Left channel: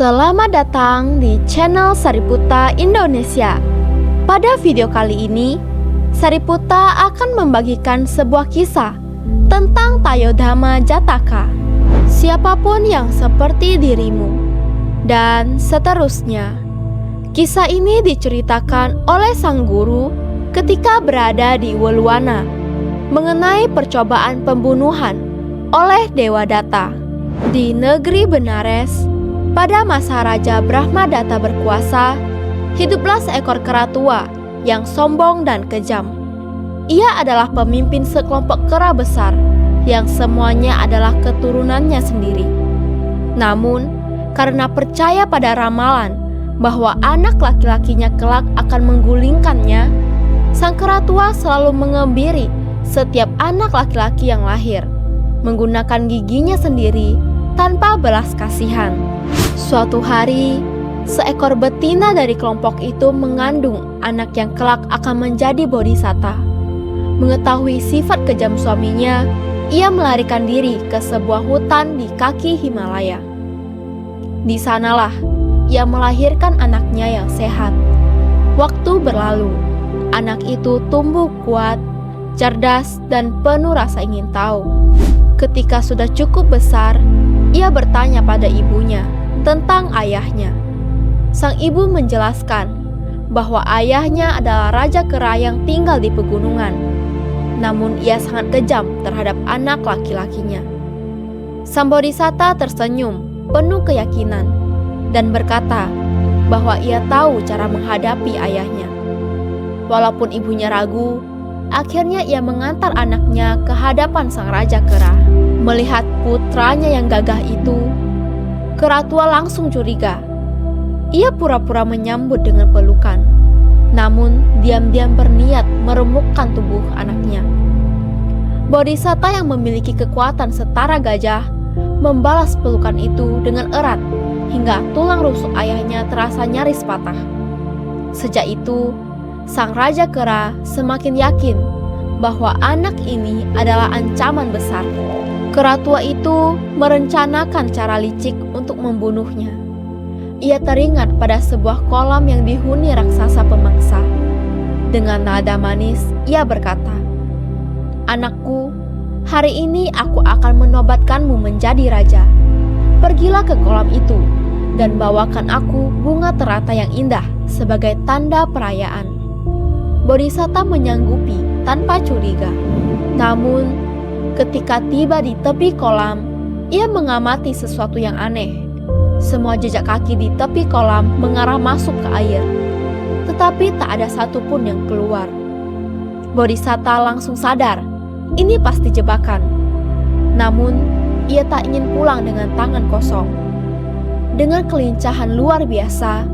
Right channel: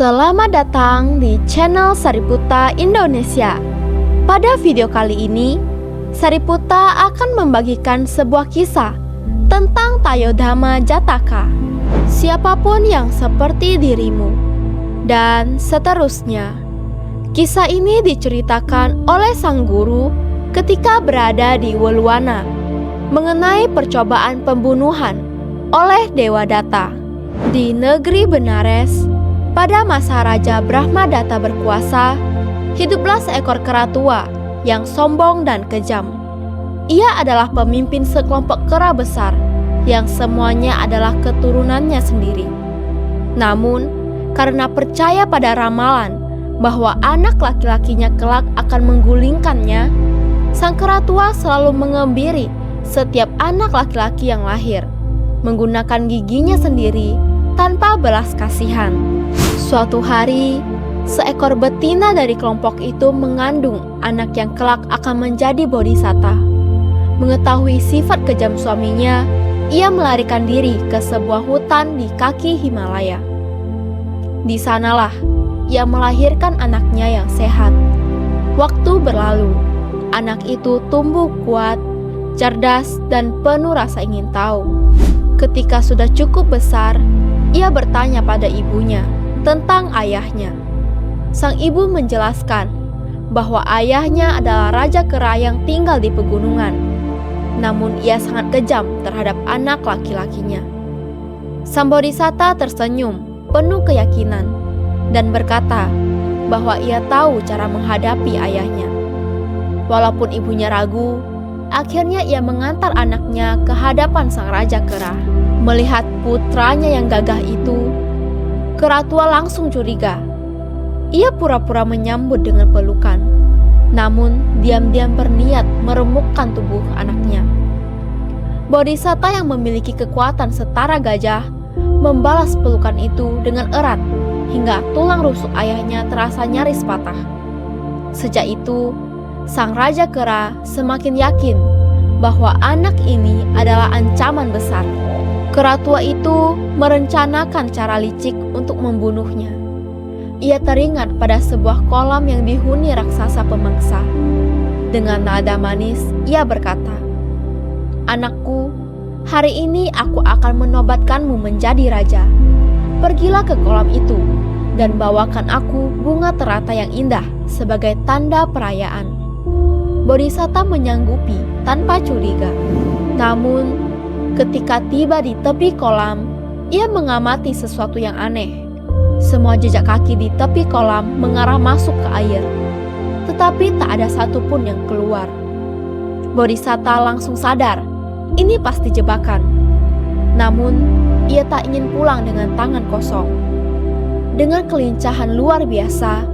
Selamat datang di channel Sariputta Indonesia. Pada video kali ini, Sariputta akan membagikan sebuah kisah tentang Tayodhama Jataka, siapapun yang seperti dirimu, dan seterusnya. Kisah ini diceritakan oleh sang guru ketika berada di Weluwana mengenai percobaan pembunuhan oleh Dewa Datta di negeri Benares. Pada masa Raja Brahmadatta berkuasa, hiduplah seekor kera tua yang sombong dan kejam. Ia adalah pemimpin sekelompok kera besar yang semuanya adalah keturunannya sendiri. Namun, karena percaya pada ramalan bahwa anak laki-lakinya kelak akan menggulingkannya, sang kera tua selalu mengembiri setiap anak laki-laki yang lahir, menggunakan giginya sendiri tanpa belas kasihan. Suatu hari, seekor betina dari kelompok itu mengandung anak yang kelak akan menjadi bodhisatta. Mengetahui sifat kejam suaminya, ia melarikan diri ke sebuah hutan di kaki Himalaya. Di sanalah ia melahirkan anaknya yang sehat. Waktu berlalu, anak itu tumbuh kuat, cerdas, dan penuh rasa ingin tahu. Ketika sudah cukup besar, ia bertanya pada ibunya tentang ayahnya. Sang ibu menjelaskan bahwa ayahnya adalah raja kera yang tinggal di pegunungan. Namun ia sangat kejam terhadap anak laki-lakinya. Sang bodhisatta tersenyum penuh keyakinan dan berkata bahwa ia tahu cara menghadapi ayahnya. Walaupun ibunya ragu, akhirnya ia mengantar anaknya ke hadapan sang raja kera. Melihat putranya yang gagah itu, kera tua langsung curiga. Ia pura-pura menyambut dengan pelukan, namun diam-diam berniat meremukkan tubuh anaknya. Bodhisatta yang memiliki kekuatan setara gajah membalas pelukan itu dengan erat hingga tulang rusuk ayahnya terasa nyaris patah. Sejak itu, sang raja kera semakin yakin bahwa anak ini adalah ancaman besar. Kera tua itu merencanakan cara licik untuk membunuhnya. Ia teringat pada sebuah kolam yang dihuni raksasa pemangsa. Dengan nada manis, ia berkata, "Anakku, hari ini aku akan menobatkanmu menjadi raja. Pergilah ke kolam itu dan bawakan aku bunga teratai yang indah sebagai tanda perayaan." Bodhisatta menyanggupi tanpa curiga. Namun, ketika tiba di tepi kolam, ia mengamati sesuatu yang aneh. Semua jejak kaki di tepi kolam mengarah masuk ke air, tetapi tak ada satupun yang keluar. Bodhisatta langsung sadar, ini pasti jebakan. Namun, ia tak ingin pulang dengan tangan kosong. Dengan kelincahan luar biasa,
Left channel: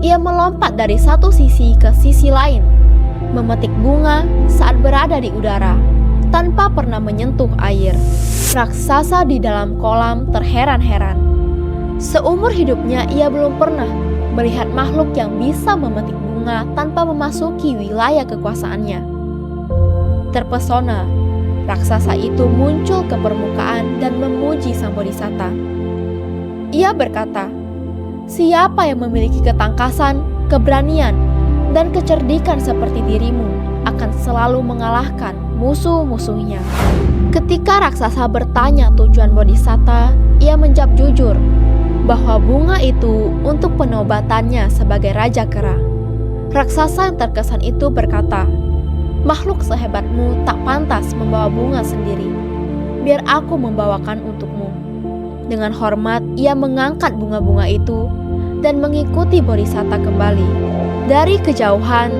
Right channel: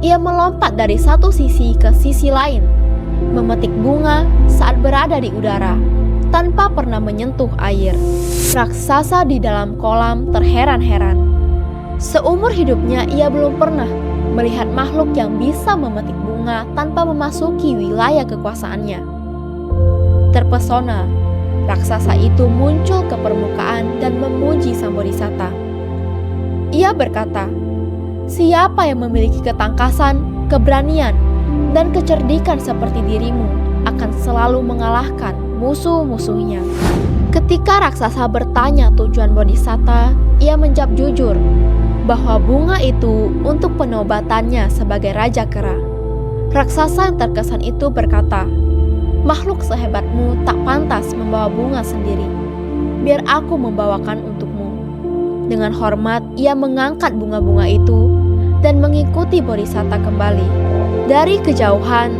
ia melompat dari satu sisi ke sisi lain, memetik bunga saat berada di udara, tanpa pernah menyentuh air. Raksasa di dalam kolam terheran-heran. Seumur hidupnya ia belum pernah melihat makhluk yang bisa memetik bunga tanpa memasuki wilayah kekuasaannya. Terpesona, raksasa itu muncul ke permukaan dan memuji sang bodhisatta. Ia berkata, "Siapa yang memiliki ketangkasan, keberanian, dan kecerdikan seperti dirimu akan selalu mengalahkan musuh-musuhnya." Ketika raksasa bertanya tujuan bodhisatta, ia menjawab jujur bahwa bunga itu untuk penobatannya sebagai raja kera. Raksasa yang terkesan itu berkata, "Makhluk sehebatmu tak pantas membawa bunga sendiri. Biar aku membawakan untukmu." Dengan hormat, ia mengangkat bunga-bunga itu dan mengikuti bodhisatta kembali. Dari kejauhan,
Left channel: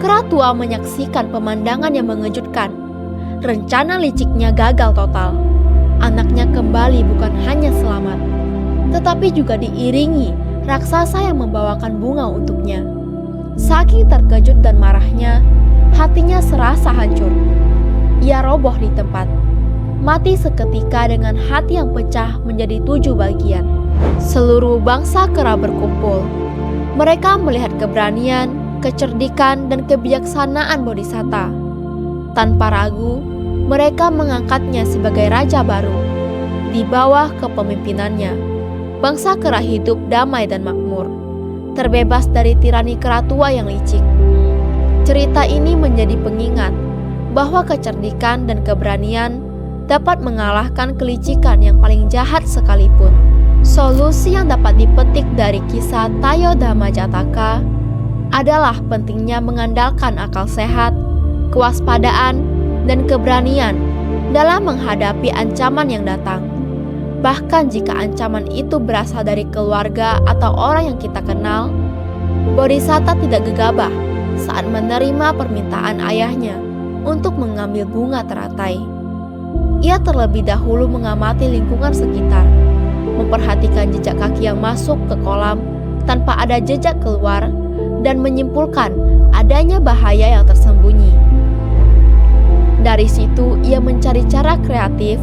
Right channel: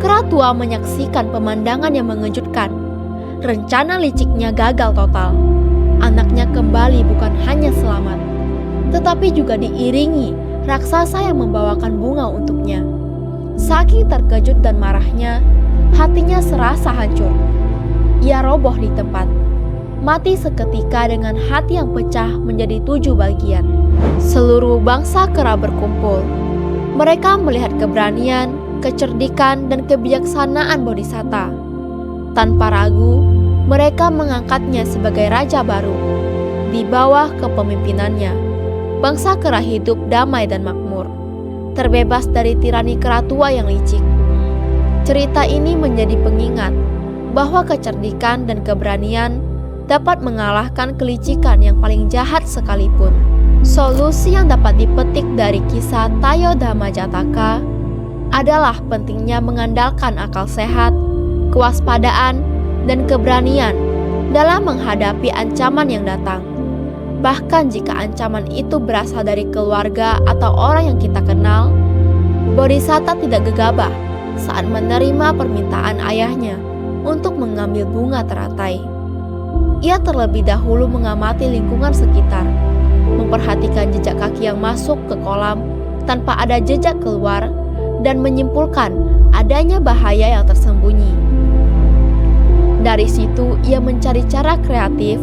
kera tua menyaksikan pemandangan yang mengejutkan. Rencana liciknya gagal total. Anaknya kembali bukan hanya selamat, tetapi juga diiringi raksasa yang membawakan bunga untuknya. Saking terkejut dan marahnya, hatinya serasa hancur. Ia roboh di tempat, mati seketika dengan hati yang pecah menjadi 7 bagian. Seluruh bangsa kera berkumpul. Mereka melihat keberanian, kecerdikan, dan kebijaksanaan bodhisatta. Tanpa ragu, mereka mengangkatnya sebagai raja baru di bawah kepemimpinannya. bangsa kera hidup damai dan makmur, terbebas dari tirani kera tua yang licik. Cerita ini menjadi pengingat bahwa kecerdikan dan keberanian dapat mengalahkan kelicikan yang paling jahat sekalipun. Solusi yang dapat dipetik dari kisah Tayodama Jataka adalah pentingnya mengandalkan akal sehat, kewaspadaan, dan keberanian dalam menghadapi ancaman yang datang. Bahkan jika ancaman itu berasal dari keluarga atau orang yang kita kenal, Bodhisatta tidak gegabah saat menerima permintaan ayahnya untuk mengambil bunga teratai. Ia terlebih dahulu mengamati lingkungan sekitar, memperhatikan jejak kaki yang masuk ke kolam tanpa ada jejak keluar, dan menyimpulkan adanya bahaya yang tersembunyi. Dari situ, ia mencari cara kreatif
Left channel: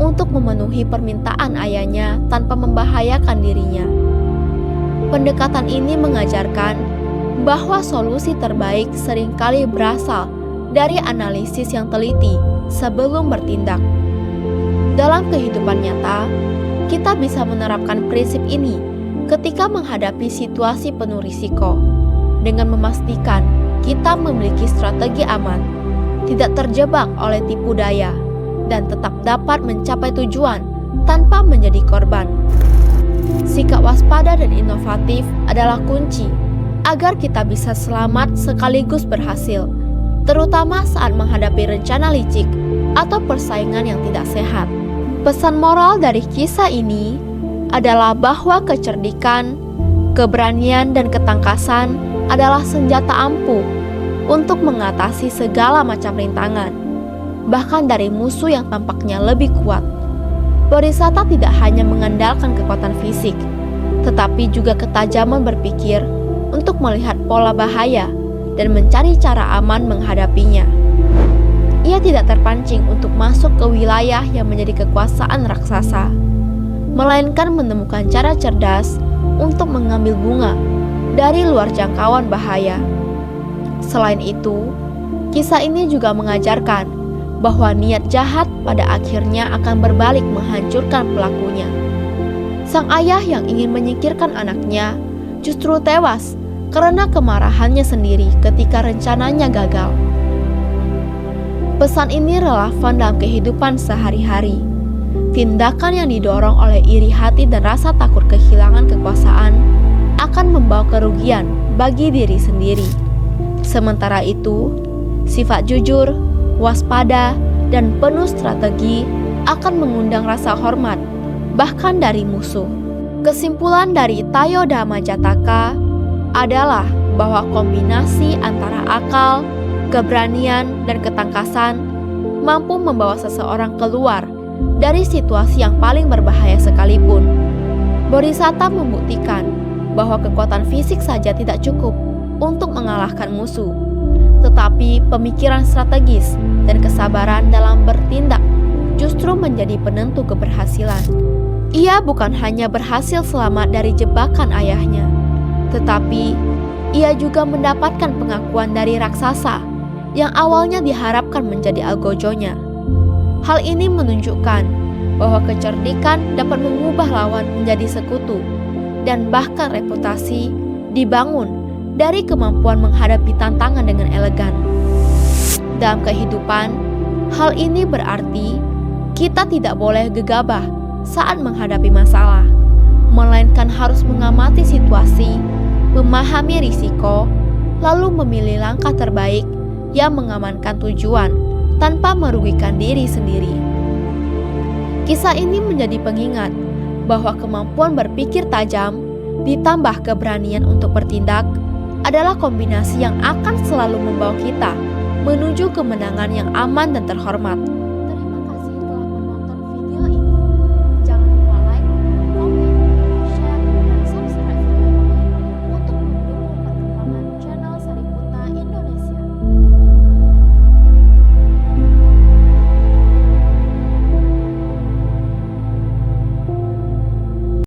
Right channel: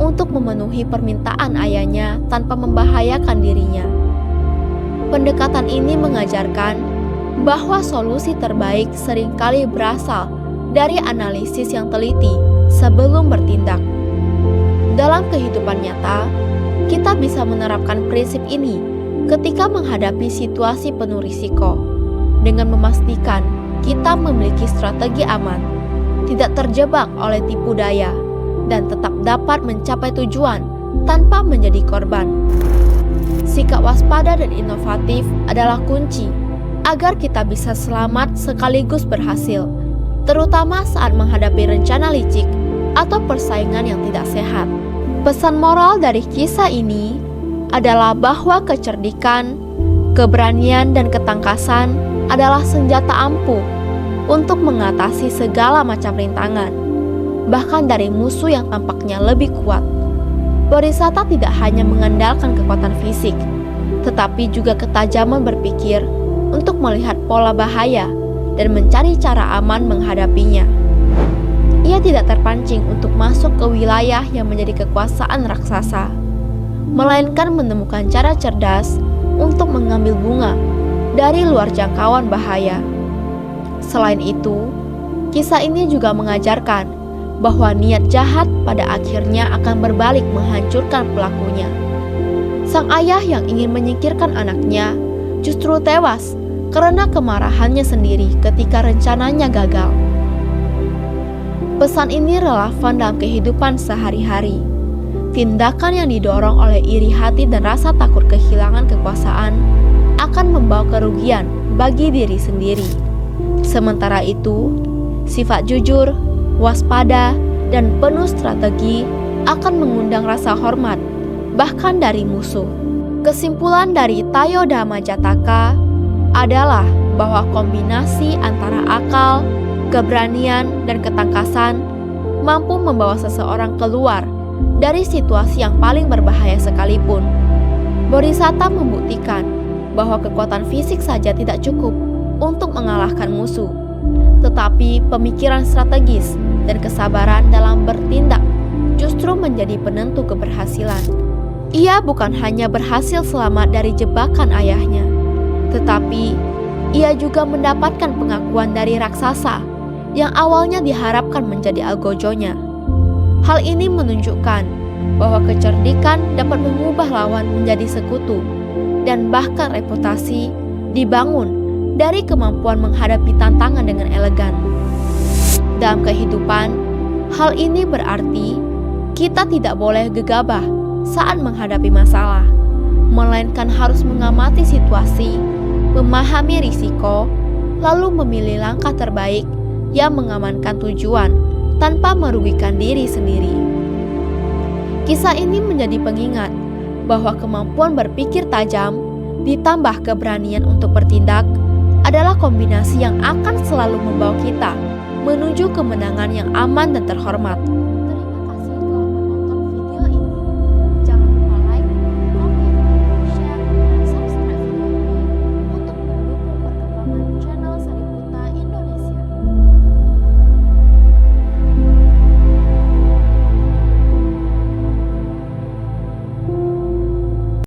untuk memenuhi permintaan ayahnya tanpa membahayakan dirinya. Pendekatan ini mengajarkan bahwa solusi terbaik seringkali berasal dari analisis yang teliti sebelum bertindak. Dalam kehidupan nyata, kita bisa menerapkan prinsip ini ketika menghadapi situasi penuh risiko, dengan memastikan kita memiliki strategi aman, tidak terjebak oleh tipu daya, dan tetap dapat mencapai tujuan tanpa menjadi korban. Sikap waspada dan inovatif adalah kunci agar kita bisa selamat sekaligus berhasil, terutama saat menghadapi rencana licik atau persaingan yang tidak sehat. Pesan moral dari kisah ini adalah bahwa kecerdikan, keberanian, dan ketangkasan adalah senjata ampuh untuk mengatasi segala macam rintangan, bahkan dari musuh yang tampaknya lebih kuat. Bodhisatta tidak hanya mengandalkan kekuatan fisik, tetapi juga ketajaman berpikir untuk melihat pola bahaya dan mencari cara aman menghadapinya. Ia tidak terpancing untuk masuk ke wilayah yang menjadi kekuasaan raksasa, melainkan menemukan cara cerdas untuk mengambil bunga dari luar jangkauan bahaya. Selain itu, kisah ini juga mengajarkan bahwa niat jahat pada akhirnya akan berbalik menghancurkan pelakunya. Sang ayah yang ingin menyingkirkan anaknya justru tewas karena kemarahannya sendiri ketika rencananya gagal. Pesan ini relevan dalam kehidupan sehari-hari. Tindakan yang didorong oleh iri hati dan rasa takut kehilangan kekuasaan akan membawa kerugian bagi diri sendiri. Sementara itu, sifat jujur, waspada, dan penuh strategi akan mengundang rasa hormat, bahkan dari musuh. Kesimpulan dari Tayodama Jataka adalah bahwa kombinasi antara akal, keberanian, dan ketangkasan mampu membawa seseorang keluar dari situasi yang paling berbahaya sekalipun. Bodhisatta membuktikan bahwa kekuatan fisik saja tidak cukup untuk mengalahkan musuh, tetapi pemikiran strategis dan kesabaran dalam bertindak justru menjadi penentu keberhasilan. Ia bukan hanya berhasil selamat dari jebakan ayahnya, tetapi ia juga mendapatkan pengakuan dari raksasa yang awalnya diharapkan menjadi algojonya. Hal ini menunjukkan bahwa kecerdikan dapat mengubah lawan menjadi sekutu, dan bahkan reputasi dibangun dari kemampuan menghadapi tantangan dengan elegan. Dalam kehidupan, hal ini berarti kita tidak boleh gegabah saat menghadapi masalah, melainkan harus mengamati situasi, memahami risiko, lalu memilih langkah terbaik yang mengamankan tujuan tanpa merugikan diri sendiri. Kisah ini menjadi pengingat bahwa kemampuan berpikir tajam ditambah keberanian untuk bertindak adalah kombinasi yang akan selalu membawa kita menuju kemenangan yang aman dan terhormat.